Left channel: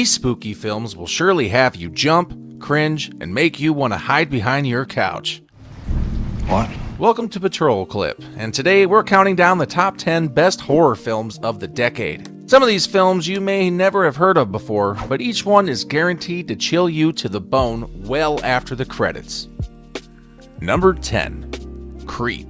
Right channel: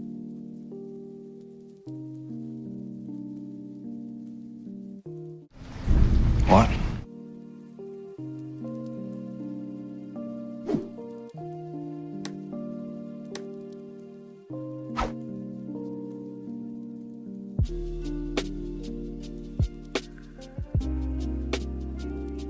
These spooky films will surely have you jump, cringe, and make you want to hide behind your couch. What? Welcome to Patrol Clip, and today we're counting down the top 10 best horror films of the decade. Some of these films you may never have heard of before, but each one is guaranteed to chill you to the bone well after the credits. Number 10. Creep.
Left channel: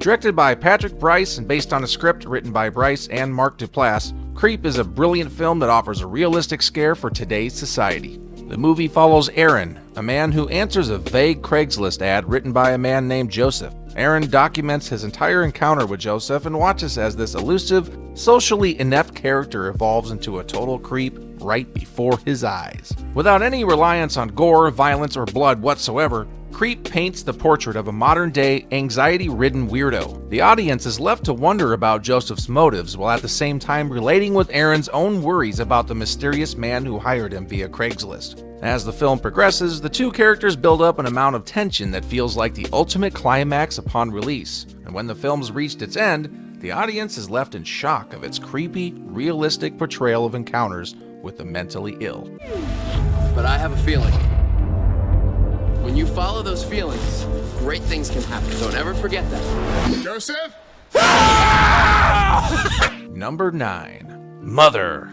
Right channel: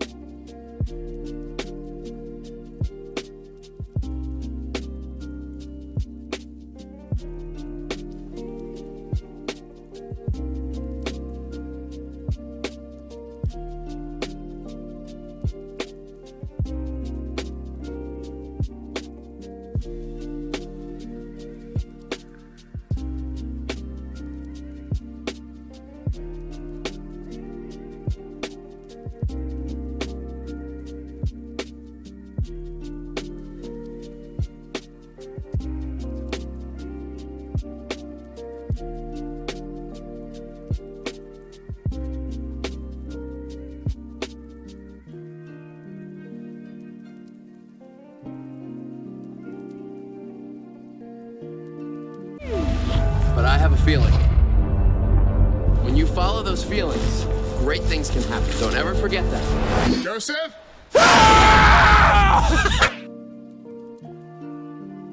Directed by Patrick Brice and based on a script written by Brice and Mark Duplass, Creep is a brilliant film that offers a realistic scare for today's society. The movie follows Aaron, a man who answers a vague Craigslist ad written by a man named Joseph. Aaron documents his entire encounter with Joseph and watches as this elusive, socially inept character evolves into a total creep right before his eyes. Without any reliance on gore, violence, or blood whatsoever, Creep paints the portrait of a modern-day, anxiety-ridden weirdo. The audience is left to wonder about Joseph's motives while at the same time relating with Aaron's own worries about the mysterious man who hired him via Craigslist. As the film progresses, the two characters build up an amount of tension that feels like the ultimate climax upon release. And when the film's reached its end, the audience is left in shock of its creepy, realistic portrayal of encounters with the mentally ill. But I have a feeling. When you follow those feelings, great things can happen. Don't ever forget that. Joseph? Number 9. Mother.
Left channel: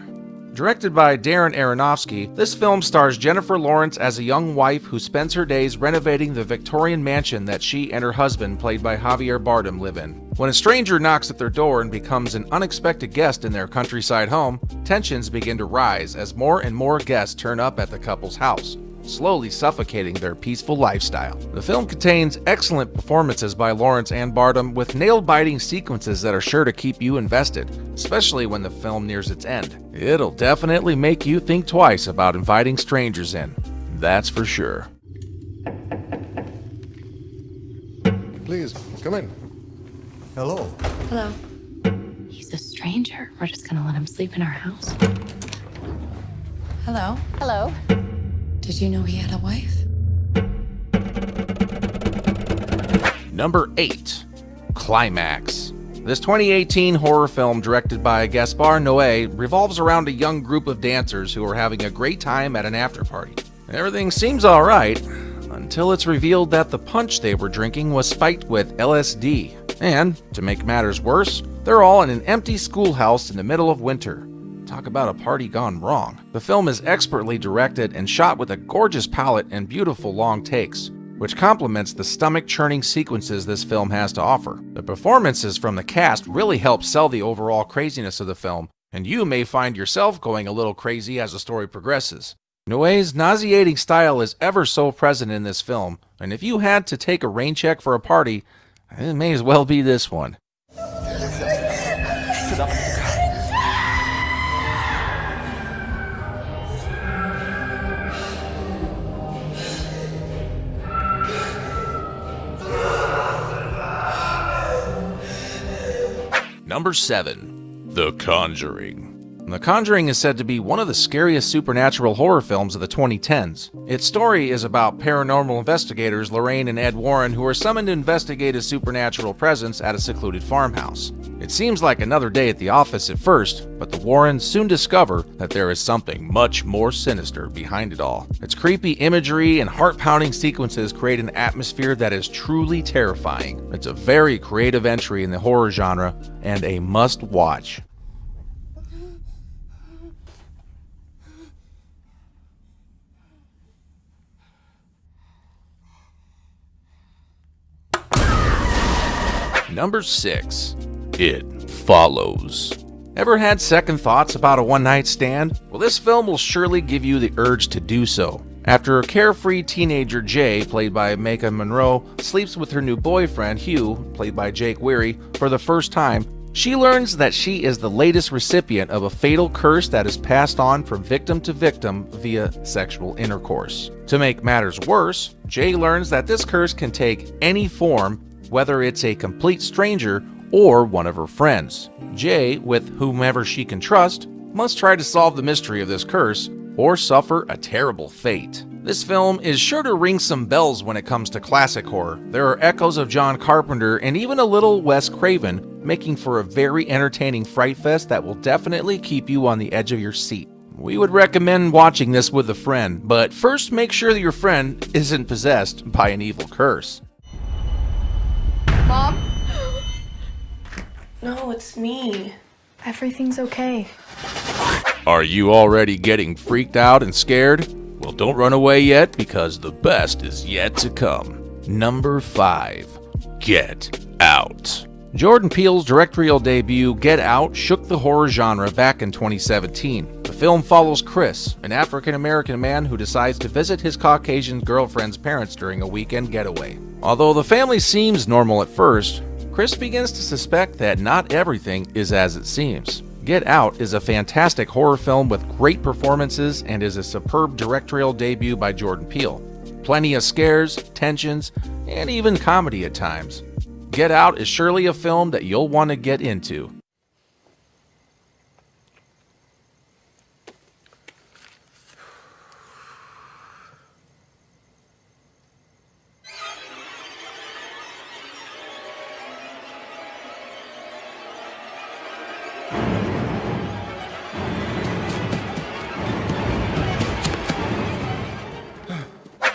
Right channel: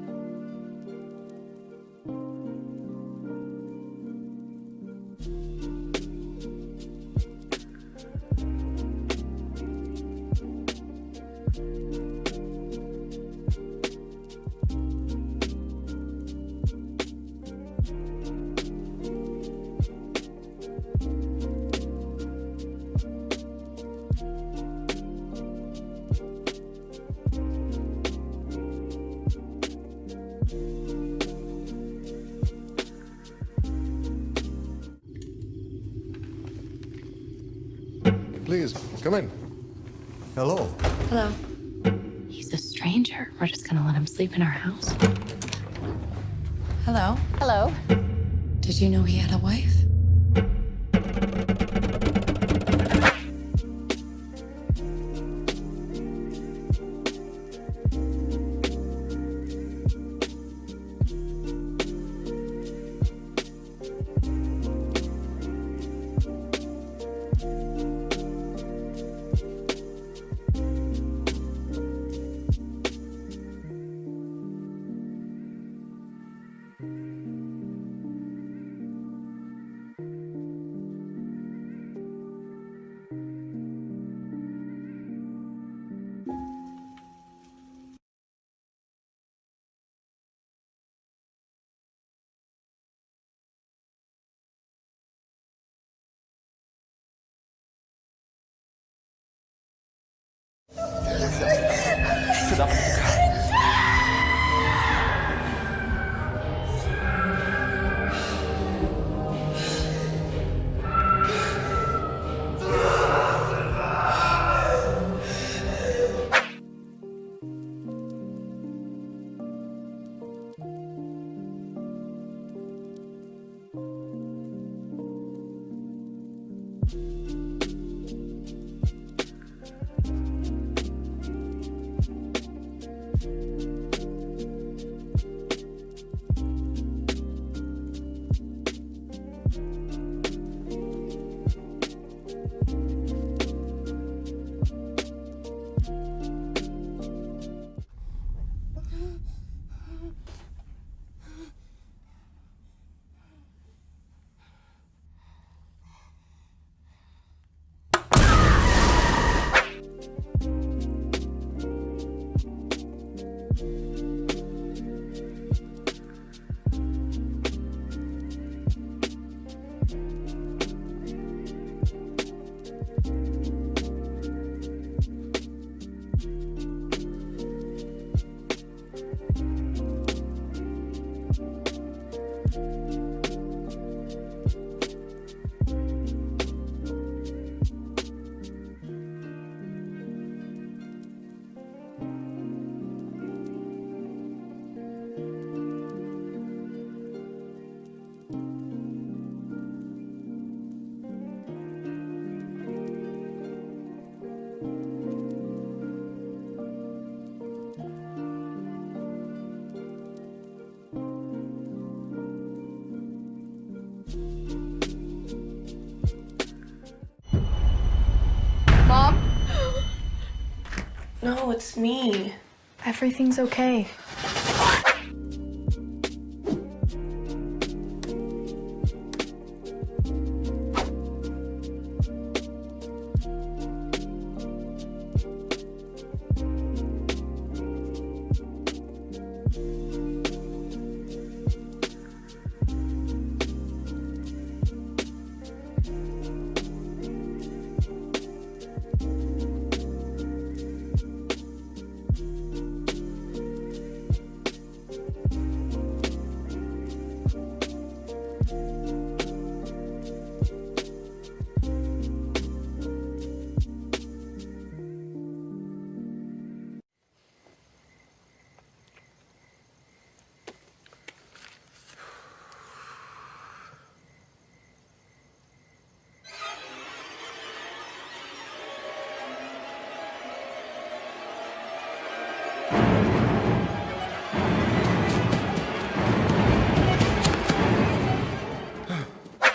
Directed by Darren Aronofsky, this film stars Jennifer Lawrence as a young wife who spends her days renovating the Victorian mansion that she and her husband, played by Javier Bardem, live in. When a stranger knocks at their door and becomes an unexpected guest in their countryside home, tensions begin to rise as more and more guests turn up at the couple's house, slowly suffocating their peaceful lifestyle. The film contains excellent performances by Lawrence and Bardem, with nail-biting sequences that are sure to keep you invested, especially when the film nears its end. It'll definitely make you think twice about inviting strangers in, that's for sure. Please, come in. Hello. Hello. He's a stranger. We're just gonna let him sleep in our house. Hello. Hello. Did you know he had a wife? Number 8. Climax. This 2018 horror film, directed by Gaspar Noé, revolves around a young group of dancers who are having a great time at an after-party. Everything seems alright, until it's revealed that the punch they were drinking was spiked with LSD. And, to make matters worse, they're all in an empty schoolhouse in the middle of winter. Talk about a party gone wrong. The film is expertly directed and shot with a gorgeous palette and beautiful long takes, which complements the stomach-churning sequences this film has to offer. The performances from the cast really help sell the overall craziness of the film, and you may find yourself going a little crazy as the story progresses. Noé's nauseating style is ever so present in this film, and if you had to take a rain check for a party, it may as well be this one. Sit up. Number 7. The Conjuring. The Conjuring is said to be one of the scariest supernatural horror films of the 2010s. Its story is about paranormal investigators Lorraine and Ed Warren who are summoned to investigate a supernatural presence at a secluded farmhouse. It seems like another day at the office at first, but the Warrens soon discover that there is something much more sinister behind it all. Its creepy imagery and heart-pounding sequences create an atmosphere that is truly terrifying. It's a very creative entry in the horror genre and a must-watch. Number 6. It Follows. Ever had second thoughts about a one-night stand? Well, this film will surely give you the urge to do so. After a carefree teenager, Jay, played by Maika Monroe, sleeps with her new boyfriend, Hugh, played by Jake Weary, for the first time, she learns that she is the latest recipient of a fatal curse that is passed on from victim to victim via sexual intercourse. To make matters worse, Jay learns that this curse can take any form, whether it's a complete stranger or one of her friends. Jay, with whomever she can trust, must try to solve the mystery of this curse or suffer a terrible fate. This film is sure to ring some bells when it comes to classic horror. There are echoes of John Carpenter and even a little Wes Craven, making for a very entertaining fright fest that will definitely keep you on the edge of your seat. we would recommend watching this with a friend, but first make sure that your friend isn't possessed by an evil curse. Mom? No, it's me. Everything's okay. Are you already getting freaked out and scared? Well, don't run away yet, because the best is yet to come. Number 5. Get Out. Jordan Peele's directorial debut, Get Out, shook the horror genre back in 2017. The film follows Chris, an African-American man who decides to visit his Caucasian girlfriend's parents during a weekend getaway. Although the family seems normal at first, Chris begins to suspect that not everything is as it seems. Get Out is a fantastic horror film with great performances and is a superb directorial debut by Jordan Peele. Plenty of scares, tensions, and even comedy at times. Get Out is surely a film that you'll want to get into.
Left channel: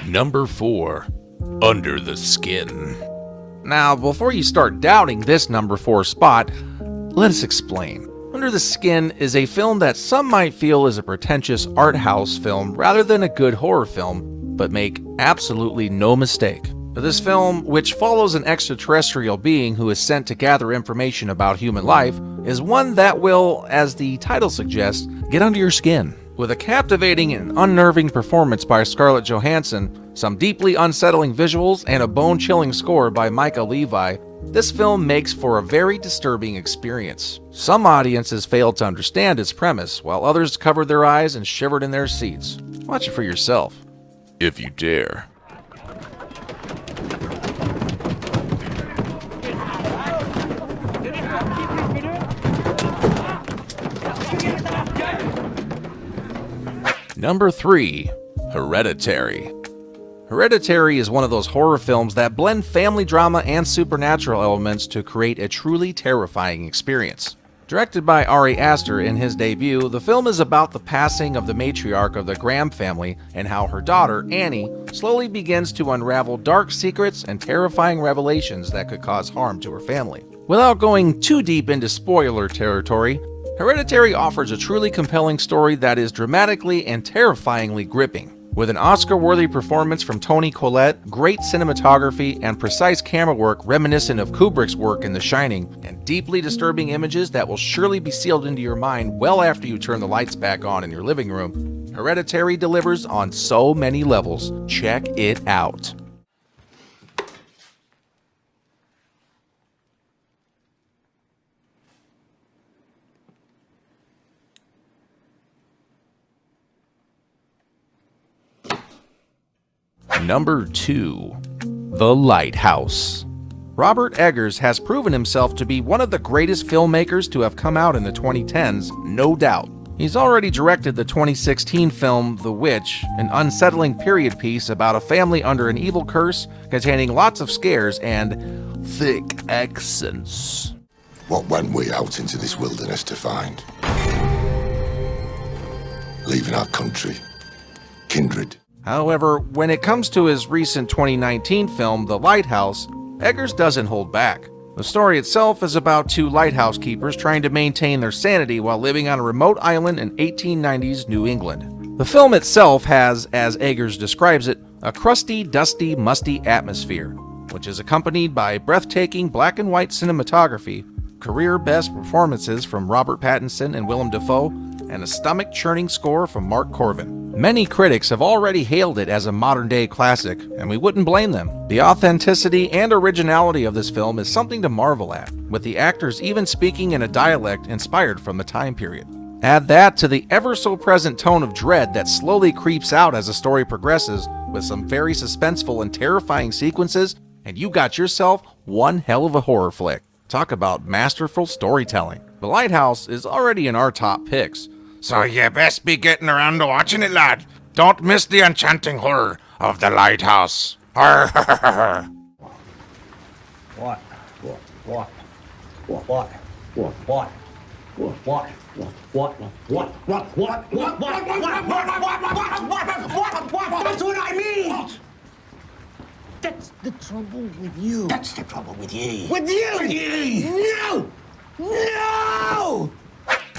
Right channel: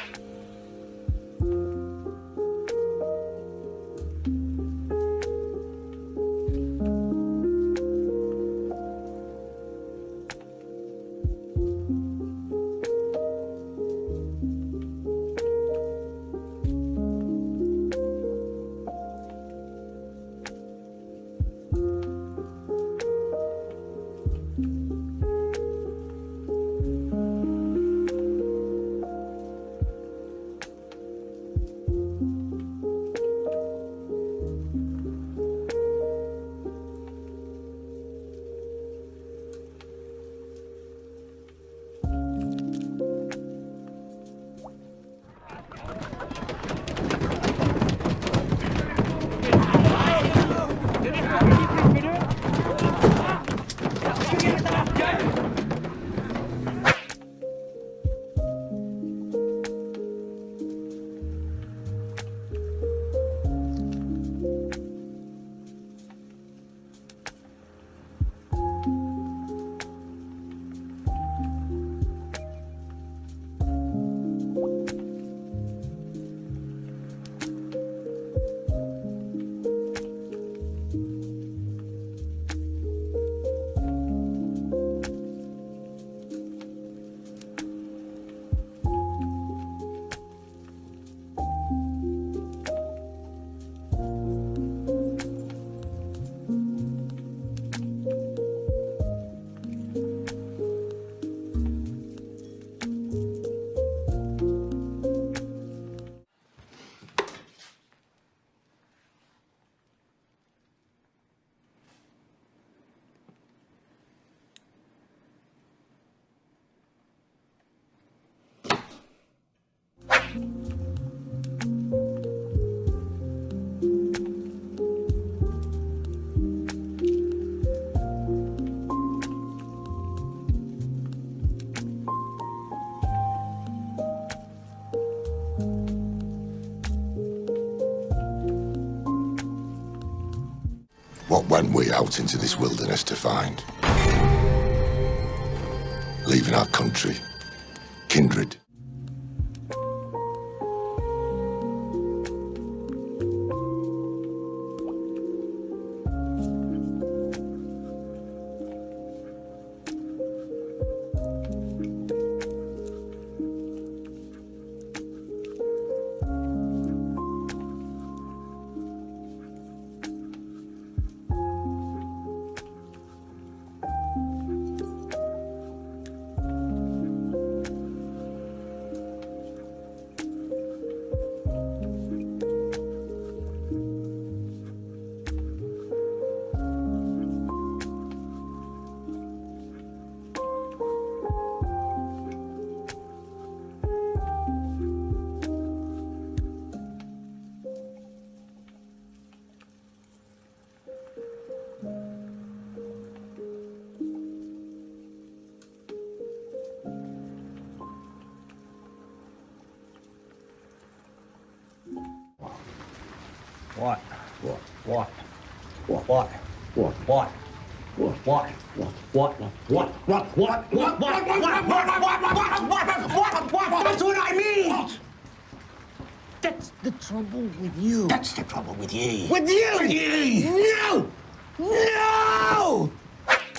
Number 4. Under the Skin. Now, before you start doubting this number 4 spot, let us explain. Under the Skin is a film that some might feel is a pretentious art house film rather than a good horror film, but make absolutely no mistake. This film, which follows an extraterrestrial being who is sent to gather information about human life, is one that will, as the title suggests, get under your skin. With a captivating and unnerving performance by Scarlett Johansson, some deeply unsettling visuals, and a bone-chilling score by Micah Levi, this film makes for a very disturbing experience. Some audiences failed to understand its premise, while others covered their eyes and shivered in their seats. Watch it for yourself, if you dare. Number 3. Hereditary. Hereditary is one of those horror films that blend family drama and supernatural elements to create a truly terrifying experience. Directed by Ari Aster in his debut, the film is about the passing of the matriarch of the Graham family and how her daughter, Annie, slowly begins to unravel dark secrets and terrifying revelations that could cause harm to her family. Without going too deep into spoiler territory, Hereditary offers a truly compelling story that is dramatically and terrifyingly gripping. With an Oscar-worthy performance from Toni Collette, great cinematography, and precise camera work reminiscent of Kubrick's work in The Shining, and deeply disturbing images that will surely be sealed into your mind well after you turn the lights back on in your living room, Hereditary delivers on so many levels. Check it out. Number 2. The Lighthouse. Robert Eggers has proven himself to be one of the greatest filmmakers to have come out in the 2010s, no doubt. He's already directed the 2016 film The Witch, an unsettling period piece about a family under an evil curse containing lots of scares and thick accents. What went we out into this wilderness to find? Leaving our country, kindred. However, when it comes to his recent 2019 film, The Lighthouse, Eggers doesn't hold back. The story itself is about two lighthouse keepers trying to maintain their sanity while living on a remote island in 1890s New England. The film itself has, as Eggers describes it, a crusty, dusty, musty atmosphere, which is accompanied by breathtaking black and white cinematography, career-best performances from Robert Pattinson and Willem Dafoe, and a stomach-churning score from Mark Corbin. Many critics have already hailed it as a modern-day classic, and we wouldn't blame them. The authenticity and originality of this film is something to marvel at, with the actors even speaking in a dialect inspired from the time period. Add that to the ever-so-present tone of dread that slowly creeps out as the story progresses, with some very suspenseful and terrifying sequences, and you got yourself one hell of a horror flick. Talk about masterful storytelling. The Lighthouse is already in our top picks, so you best be getting around to watching it, lad. Don't miss the enchanting horror of The Lighthouse. What? What? What? What? What? What? That's what I mean! That's the trouble with you. That's the trouble with ye. With you! With ye! No! No!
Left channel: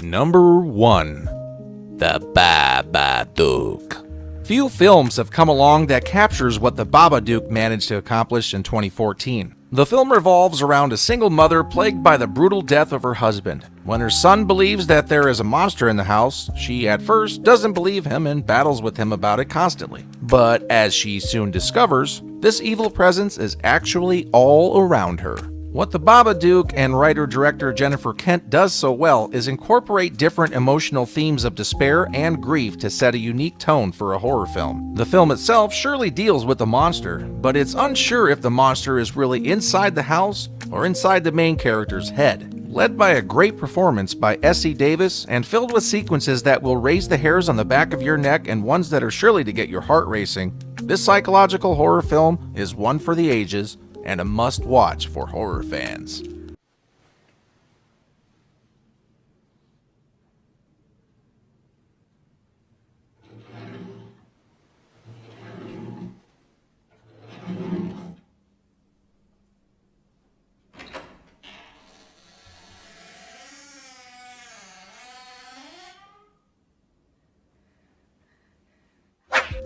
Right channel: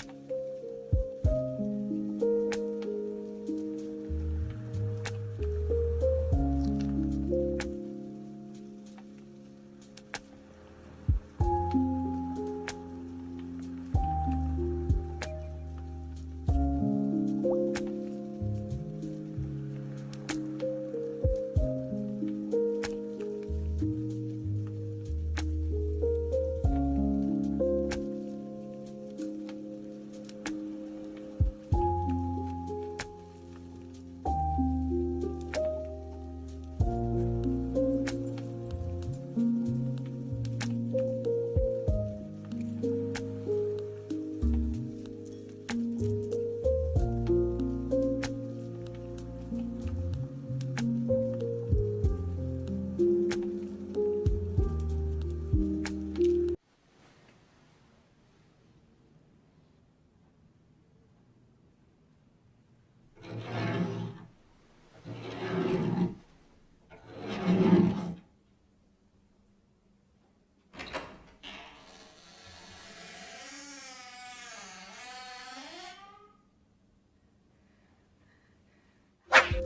Number 1. The Babadook. Few films have come along that captures what the Babadook managed to accomplish in 2014. The film revolves around a single mother plagued by the brutal death of her husband. When her son believes that there is a monster in the house, she at first doesn't believe him and battles with him about it constantly. But as she soon discovers, this evil presence is actually all around her. What the Babadook and writer-director Jennifer Kent does so well is incorporate different emotional themes of despair and grief to set a unique tone for a horror film. The film itself surely deals with the monster, but it's unsure if the monster is really inside the house or inside the main character's head. Led by a great performance by Essie Davis and filled with sequences that will raise the hairs on the back of your neck and ones that are surely to get your heart racing, this psychological horror film is one for the ages and a must-watch for horror fans.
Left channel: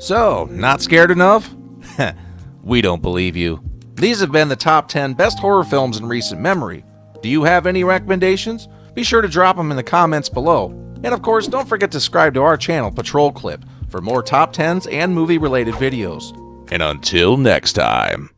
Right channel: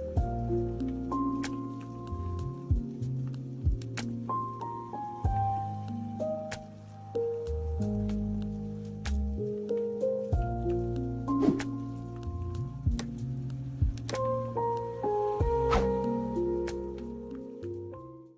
So, not scared enough? We don't believe you. These have been the top 10 best horror films in recent memory. Do you have any recommendations? Be sure to drop them in the comments below. And of course, don't forget to subscribe to our channel, Patrol Clip, for more top 10s and movie-related videos. And until next time.